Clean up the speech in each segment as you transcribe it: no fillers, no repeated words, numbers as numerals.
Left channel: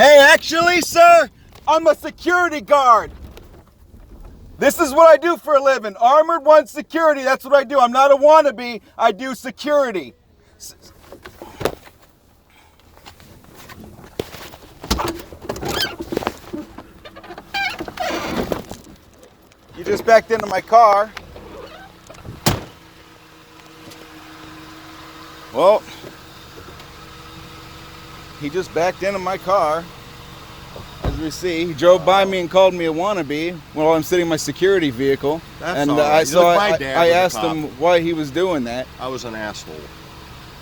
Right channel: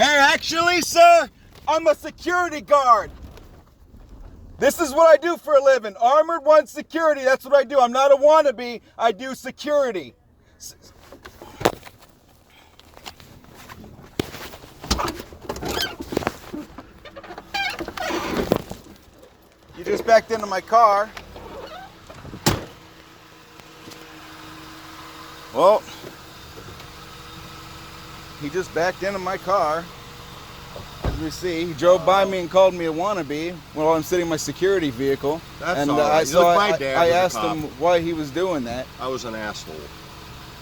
Hey, actually, sir, I'm a security guard. This is what I do for a living. Armored One security, that's what I do. I'm not a wannabe, I do security. You just backed into my car. Well, he just backed into my car. As you see, he drove by me and called me a wannabe while I'm sitting in my security vehicle. That's and all right. I asked him why he was doing that. I was an asshole.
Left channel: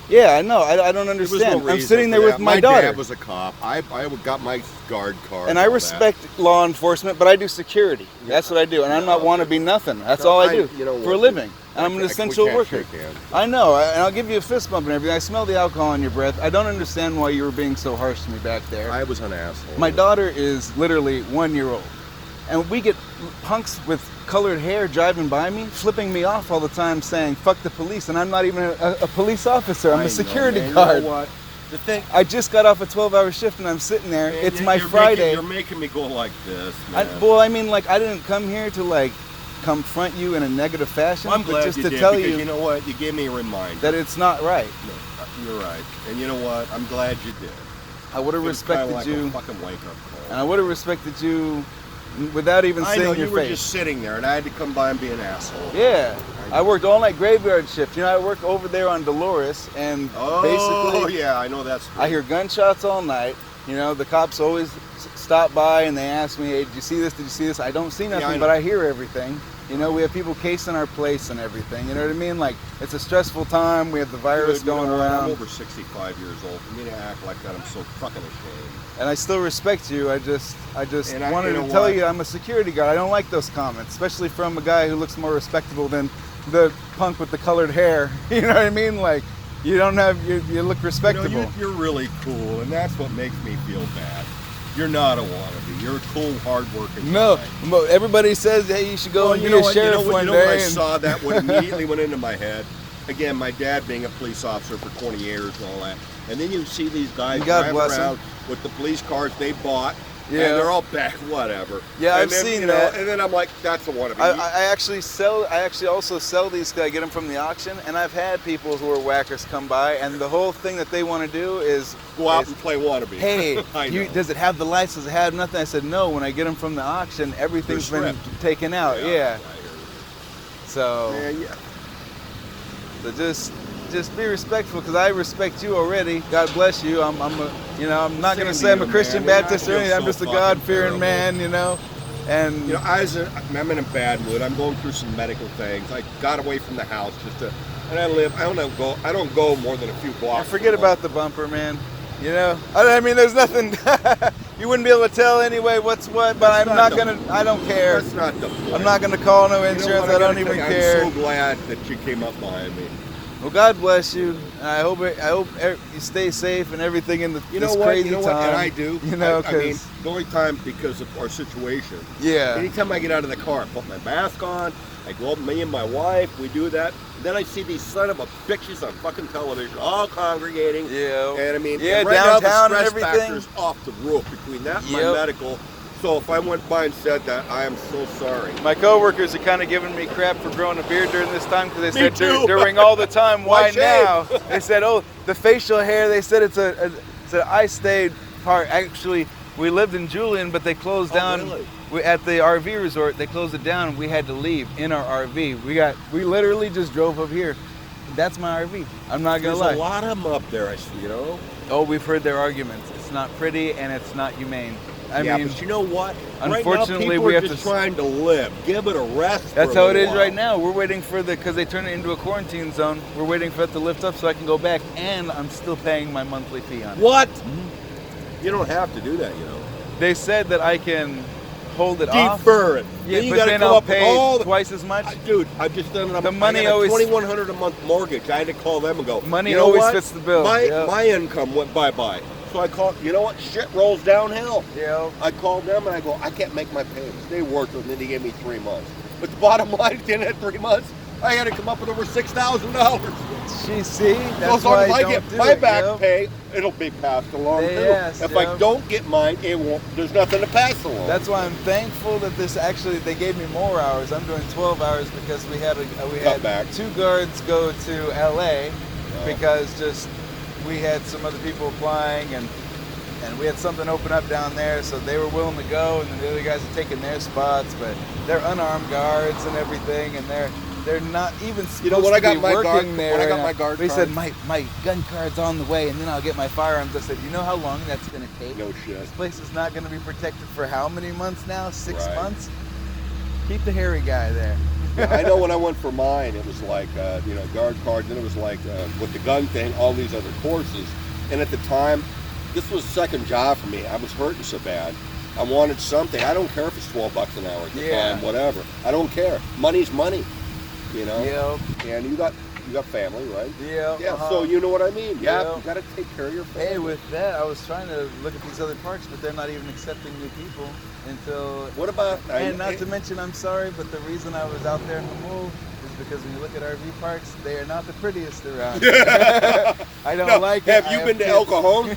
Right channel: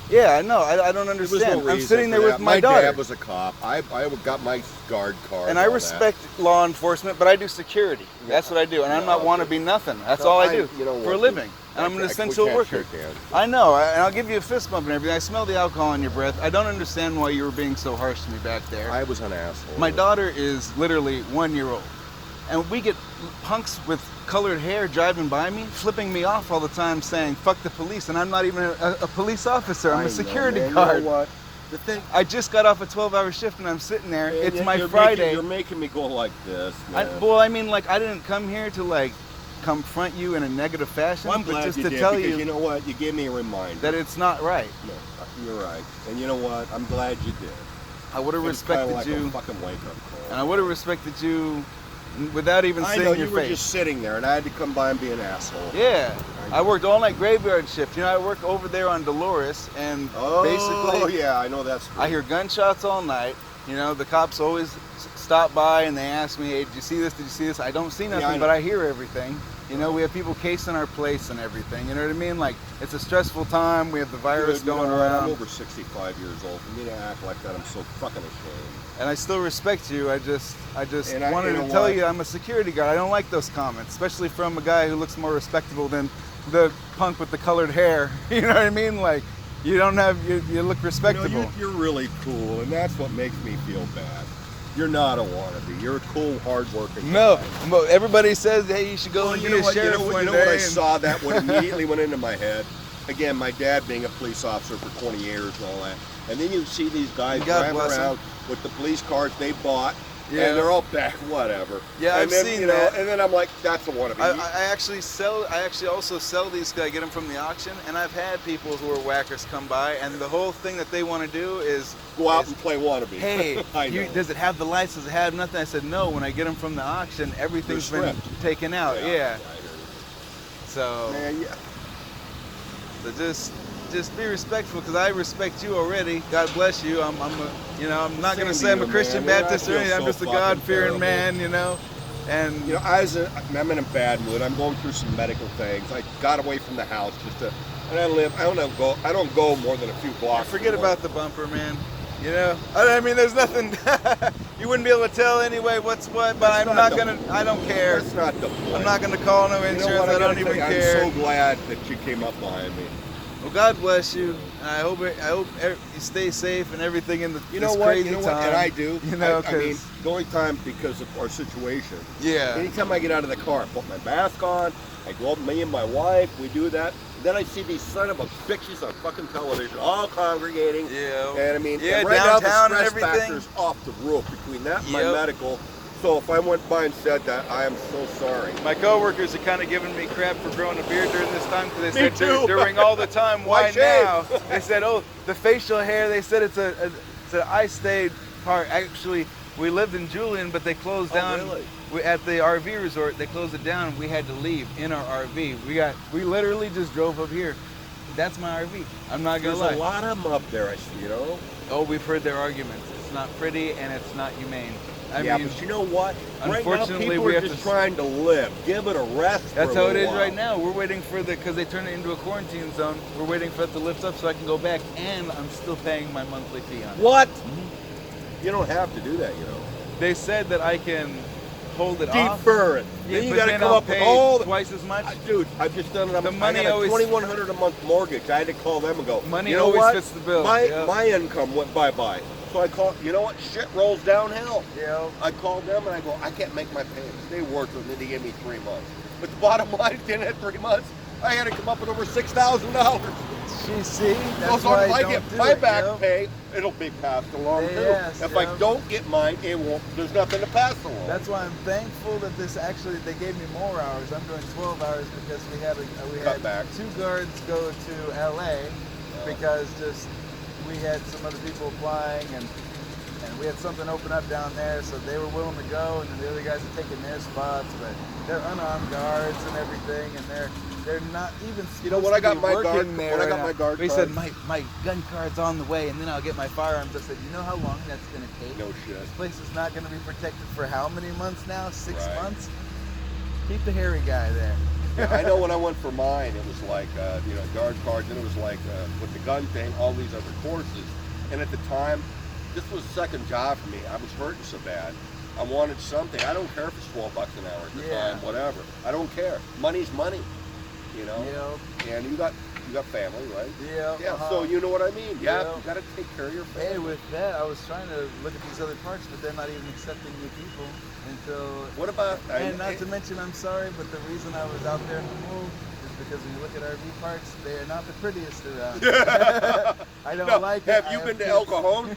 Yeah, I know. I don't understand. No I'm sitting there with my daughter. My dad was a cop. I got my guard card. And I respect law enforcement, but I do security. That's what I do. And I'm not wannabe nothing. That's all I do for a living. And I'm an essential worker. I know. And I'll give you a fist bump and everything. I smell the alcohol in your breath. I don't understand why you were being so harsh to me back there. I was an asshole. My daughter is literally 1 year old. And we get punks with colored hair driving by me, flipping me off all the time saying, fuck the police. And I'm not even a police officer. I'm a security guard. You know what? The thing, I just got off a 12-hour shift and I'm sitting there. It's my Friday. You're making me go like this. Well, I mean, like, I didn't come here to, like, confront you in a negative fashion. Well, I'm glad just you to did, tell because you know what? You gave me a reminder. that it's not right. No, you're right. And you know what? I'm glad you did. I would have respected like you. A fucking wake-up call. And I would have respected you without even seeing your face. You were just sitting there, and I had to come by and be an asshole. Yeah. I worked all-night graveyard shift. You know, I work over there on Dolores, and basically... yeah, I know that's true. I hear gunshots all night. You know, the cops always stop by, and they ask me, hey, did you see this? Did you see this? I don't see nothing, but I hear everything. You know, we have people casing our place and everything. You know what I mean? Like, it's a stressful time. We have the virus going around. I'm over 65 years old. For me to act like that, I'm so fucking ashamed. And I still respect you. I just wanted to you tell you I'm a security guard. I don't like those comments, especially from a guy who looks more respectable than the punk with the colored hair. You know what I mean? Like, you don't have, you look respectable. You know, you're really cool, and that's what makes me feel bad. You're not a wannabe. You're a cool, hard-working guy. No, everybody says, hey, you should go and be a sheriff one day. I saw that, what immediately went into my head. Again, my dad being a police officer for 20 years and all that. And then you see these guys driving around with the police cars they bought. Yeah. And they're all back, whatever. Yeah, I've seen that. And then I'm like, that's a wannabe. I actually also sell these, I get them from the auction, and I've had people who are whackers come by, and the whole thing that they want to do is go out and play wannabe. Hey, does it have the lights? Does it have nothing? I said, no, when I get them from the auction, everything's been taken out. Yeah. So, so just be respectful, because I respect you already. God bless you. I'm not going to say I'm a Christian Baptist or anything. I'm just a God-fearing man, you know. And you know, I'm in a bad mood. I'm going through some medical things. I got away from the house and I don't go more than a few blocks. Forget about the bumper, man. You know, I mean, there's nothing. You wouldn't be able to tell anyway what's what, but I'm not gonna. I don't care. That's not the point. I'm not gonna call no insurance. I don't even care. I'm so glad that you came up behind me. Well, God bless you. I hope you stay safe and everything in the You know what? And I do. You know, I mean, the only time because of our situation. Yeah. Anytime I get out of the car, I put my mask on. I go up, me and my wife, we do that. And then I see these son of a bitches on fucking television, all congregating. Yeah. And I mean, right downtown now, the stress and everything is off the roof between that and my medical. So if I went by and said that, I am so sorry. My coworkers are kind of giving me crap for growing a beard during this time, because they said during all the time, why now? They said, oh, the facial hair, they said it's an I-stayed part. Actually, we lived in Julian, but they closed down. Really? At the RV resort, they closed it down, and we had to leave in our RV. We literally just drove up here. That's my RV. I'm not going to lie. There's a lot of them up there, you know? Oh, we've heard their arguments. It's not pretty, and it's not humane. I mean, but you know what? Unfortunately, right now, people are just trying to live. Give it a rest. That's how it is right now. We're waiting for because they turned it into a quarantine zone. We're waiting for it to lift up so I can go back, and I'm still paying my monthly fee on it. What? Mm-hmm. You don't have to do that, you know. They said that I can hold it off. Defer it. Yeah, you but got to then come I'll up pay with all twice as much. Dude, I've just done it. The money I got always a $2,100 a month mortgage. I had to call them and go. Money you know always what? fits the bill. My income went bye-bye. So I called, you know what? Shit rolls downhill. Yeah. I called them and I go, I can't make my payments. They worked with me. They gave me 3 months. But the bottom line, at the end of 3 months, I had to come up with over $6,000. See, that's so why if I I don't get do my it, back pay, it'll be passed along too. Yes, if I don't get mine, it won't. There's nothing to pass along. That's why I'm thankful that this actually they gave me more hours. I'm doing 12 hours because we had two guards go to LA because just we had some other people applying and we had something open up down there, so they were willing to go, and then the other guys are taking their spots, but they're unarmed guards and everything, and they're not even supposed to be working there. When I got my guard they card, said my gun card's on the way, and then I'll get my firearms. I said, you know how long that's going to take? No shit. This place is not going to be protected for how many months now? 6 Right. months? Keep the hairy guy there. Yeah, I know when I went for mine, it was like, guard cards, and it was like, with the gun thing, all these other courses. And at the time, this was a second job for me. I was hurting so bad. I wanted something. I don't care if it's $12 an hour at the time, whatever. I don't care. Money's money, you know? Yep. And you got family, right? Yep. Yeah, so you know what I mean. Yeah, you got to take care of your family. Hey, with that, I was trying to look at these other parks, but they're not even accepting new people until... What about... And not to mention, I'm sorry, but the reason I was out there in the move is because when you look at RV parks, they are not the prettiest around. I don't like it. Have you been to El Cajon?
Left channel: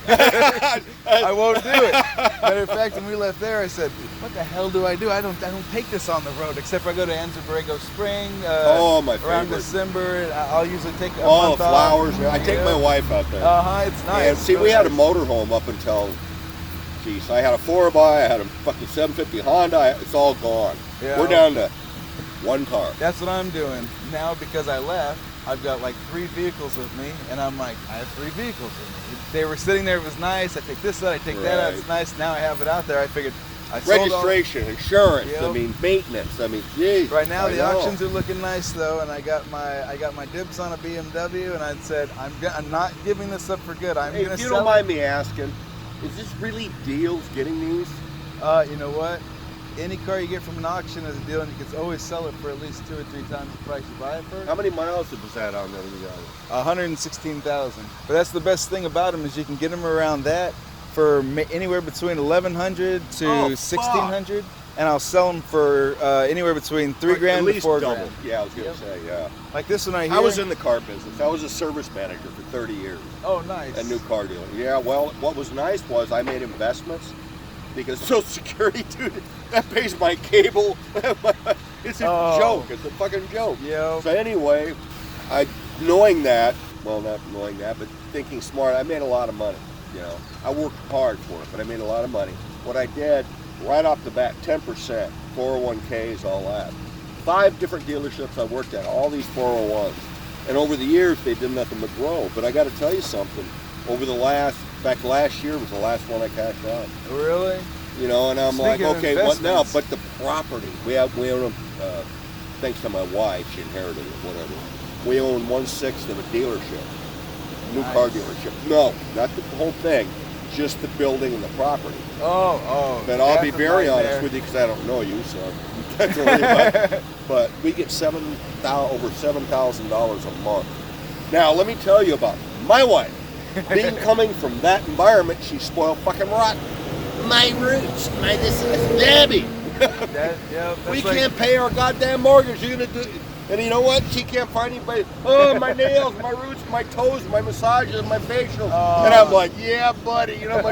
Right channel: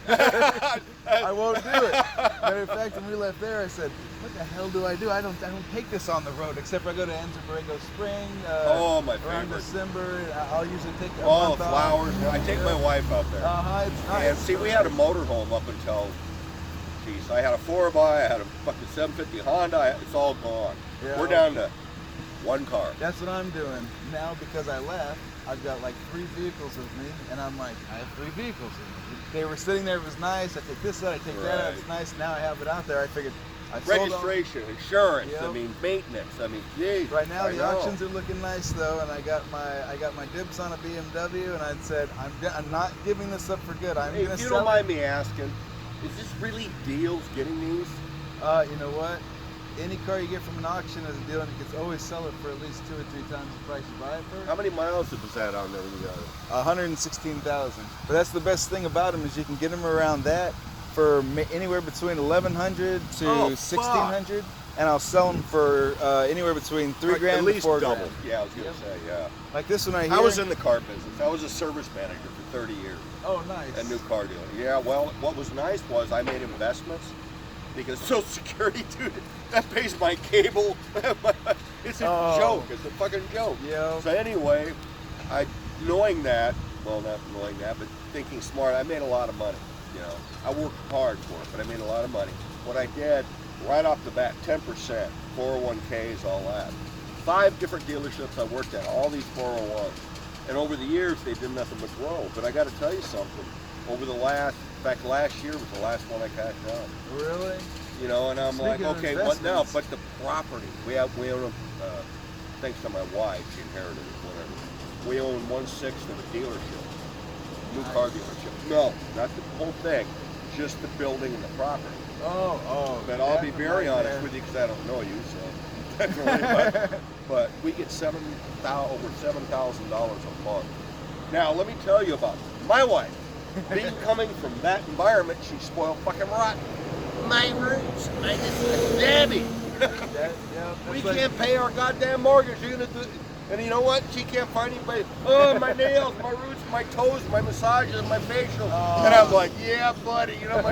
I won't do it. Matter of fact, when we left there, I said, what the hell do? I don't take this on the road, except for I go to Anza Borrego Spring around December. I'll usually take a month flowers. off. I take my wife out there. It's nice. And see, we had a motorhome up until, geez, I had a 4x, I had a fucking 750 Honda. It's all gone. Yeah. We're down to one car. That's what I'm doing now because I left. I've got like 3 vehicles with me, and I'm like, I have 3 vehicles with me. They were sitting there, it was nice. I take this out, I take that out, it's nice. Now I have it out there. I figured I sold registration, insurance, I mean maintenance, I mean geez. Right now the auctions are looking nice though, and I got my dibs on a BMW, and I said I'm not giving this up for good. I'm gonna sell it. If you don't mind me asking, is this really deals getting these? You know what? Any car you get from an auction is a deal, and you can always sell it for at least 2 or 3 times the price you buy it for. How many miles did this have on there? 116,000. But that's the best thing about them is you can get them around that for anywhere between 1,100 to 1,600, and I'll sell them for anywhere between $3 grand to $4 grand. Yeah, I was gonna say, yeah. Like this one right here. I was in the car business. I was a service manager for 30 years. Oh, nice. A new car dealer. Yeah, well, what was nice was I made investments. Because Social Security, dude, that pays my cable. It's a joke. It's a fucking joke. Yeah. So anyway, knowing that, well, not knowing that, but thinking smart, I made a lot of money. You know, I worked hard for it, but I made a lot of money. What I did, right off the bat, 10%, 401ks, all that. 5 different dealerships I worked at, all these 401s. And over the years, they did nothing but grow. But I got to tell you something. Over the last year was the last one I cashed out. Really? You know, and I'm Speaking like, okay, what now? investments. But the property, we own, thanks to my wife, she inherited it, whatever. We own 1/6 of a dealership, new car dealership. No, not the whole thing, just the building and the property. Oh. But I'll be very honest with you because I don't know you, so you can't worry about it. But we get over $7,000 a month. Now, let me tell you about my wife. Being coming from that environment, she's spoiled fucking rotten. My roots, this is Debbie. We can't pay our goddamn mortgage. You're gonna do, and you know what? She can't find anybody. Oh, my nails, my roots, my toes, my massages, my facials. And I'm like, yeah, buddy. You know.